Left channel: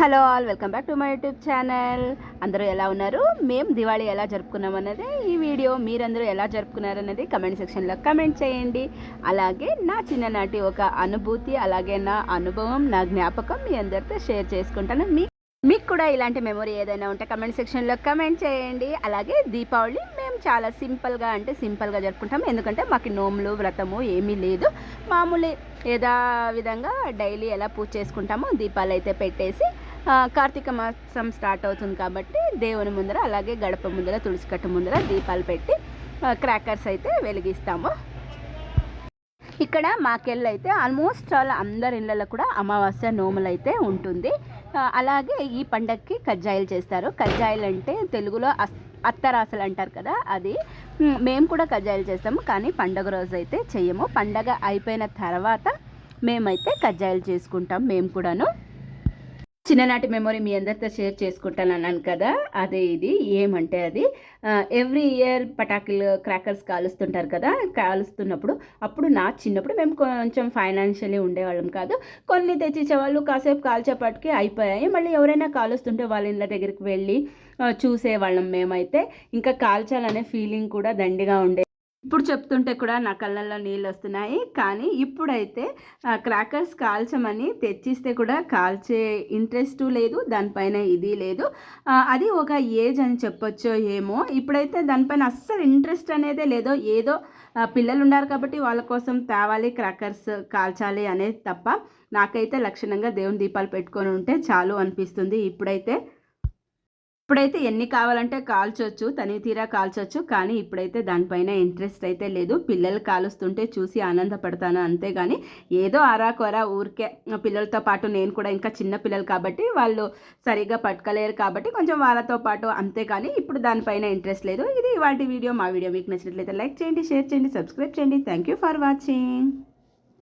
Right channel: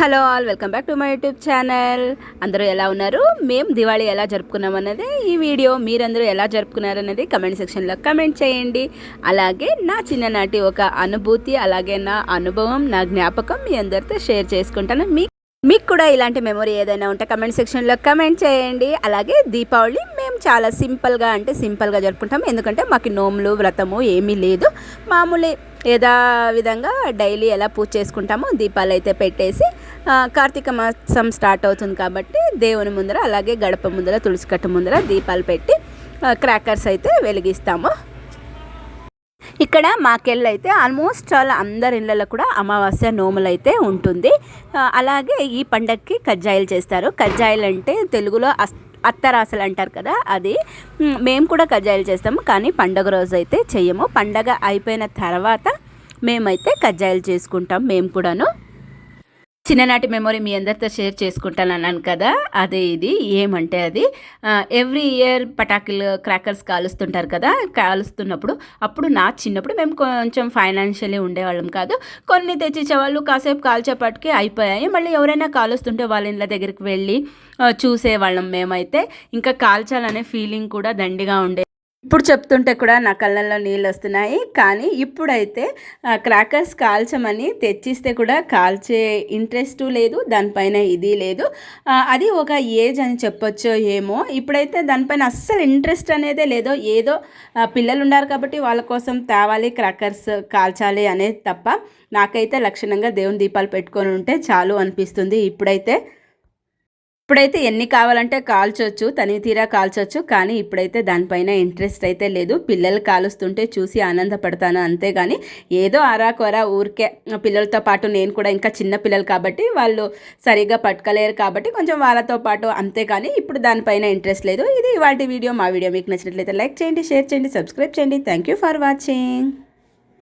Hello all, welcome back to my YouTube channel. అందరూ ఎలా ఉన్నారు? మేము దివాళీ ఎలా జరుపుకున్నాం అన్నది ఈ వీడియో. మీరందరూ ఎలా జరుపుకున్నారు అనేది కమెంట్ సెక్షన్లో కమెంట్ చేయండి. అలాగే నా చిన్ననాటి ఒక అనుభూతి, అలాగే నా అనుభవం, నా జ్ఞాపకం మీ అందరితో షేర్ చేసుకుంటాను. మీకు కూడా ఇలాంటి మెమొరీ ఏదైనా ఉంటే కమెంట్ సెక్షన్లో కమెంట్ చేయండి. అలాగే దీపావళి మేము చాలా సింపుల్గా జరుపుకుంటాం. ఎందుకంటే మాకు నోములు వ్రతము ఏమీ లేదు. మామూలు విధంగా డైలీ ఎలా పూజ చేసుకుంటామో దీపాలు అయితే పెట్టేసి కార్తీక మాసం స్టార్ట్ అవుతుంది కాబట్టి దేవుని ముందర, అలాగే గడప ముందర, తులసి కట్ట ముందర దీపాలు పెట్టి క్రాకర్స్ అయితే వెలిగిస్తాము. ఇక్కడ మాకెళ్ళి అయితే ఆల్మోస్ట్ చాలా అందరి ఇళ్ళల్లో కూడా అమావాస్య నోములు అయితే ఉంటుంది. అలాగే ఈ పండగకి కజ్జాయిలు చేస్తారు. కజ్జాయిలు అంటే తెలుగులో అత్తరాసలు అంటారు కదా, అది మేము కూడా కజ్జాయిలు చేస్తాము. కానీ పండగ రోజు అయితే చెయ్యము. పండగ అయిపోయిన తర్వాత మేమైతే కజ్జాయిలు చేసుకుంటాం. మేము కూడాను చిన్ననాటి మెమొరీ మీ అందరితో షేర్ చేసుకుంటాను అన్నాను కదా, అదే ఇది. ఏమంటే అది ఎవ్రీ ఇయర్ పటాకులు క్రాకర్స్ కాలుస్తుంటారు కదా, కాలుస్తున్నప్పుడు అప్పుడు నా చిన్నప్పుడు మేము కొంచెం ఫైనాన్షియలీ ఉండేవాళ్ళం కాదు. కొన్ని తెచ్చిచ్చేవాళ్ళు, కాసేపు కాల్చేపటికి అయిపోయాయి. మళ్ళీ ఎవరైనా కాలుస్తుంటే వాళ్ళ ఇళ్ళ దగ్గరికి వెళ్ళి చూసేవాళ్ళం మేమైతే. ఇంకా కాల్చాలనే ఫీలింగ్ కూడా దండిగా ఉండే. ఇప్పుడు చెప్తుంటే కూడా నా కళ్ళల్లో నీళ్ళు వస్తున్నాయి. కానీ ఇప్పుడైతే క్రాకర్స్ కాల్చమని తెచ్చిస్తే కూడా కాల్చే ఇంట్రెస్టు లేదు, దానిపైన ఇది లేదు. అది ఒక ఏజ్ అని చెప్పొచ్చో ఏమో. ఇప్పుడైతే దానిపైన అస్సలు ఇంట్రెస్ట్ అనేదే లేదో. ఏదో పిల్లలు ఉన్నారు కాబట్టి వాళ్ళ కోసం తేవాలి, క్రాకర్స్ కాల్చాలి అనేది తప్ప నాకైతే లక్షణంగా దేవుని దీపాలు పెట్టుకొని ఉంటే చాలు అనిపిస్తుంది. ఇప్పుడైతే ఎన్ని కావాలంటే కాల్చొచ్చు, తనివి తీరా కాల్చొచ్చు. కానీ ఇప్పుడైతే దానిపైన ఇంట్రెస్ట్ అయితే లేదు. పిల్లలు కాలుస్తుంటే చూసి ఆనందపడతాను అంతేగాని ఏదో ఆరాకొరా ఊరికే. పిల్లలతో పాటు నేను కూడా ఇంకా చిన్న పిల్లలు కాబట్టి వాళ్ళు సరిగ్గా పట్టుకోలేరు కాబట్టి కొంచెం వాళ్ళతో పాటు అంతేగాని ఇప్పుడు దానిపైన ఇంట్రెస్ట్ లేదు. ఇది ఇవాల్టి వీడియో. మా వీడియో మీకు నచ్చినట్లయితే లైక్ చేయండి, షేర్ చేయండి, సబ్స్క్రైబ్ చేయండి. Thank you for watching.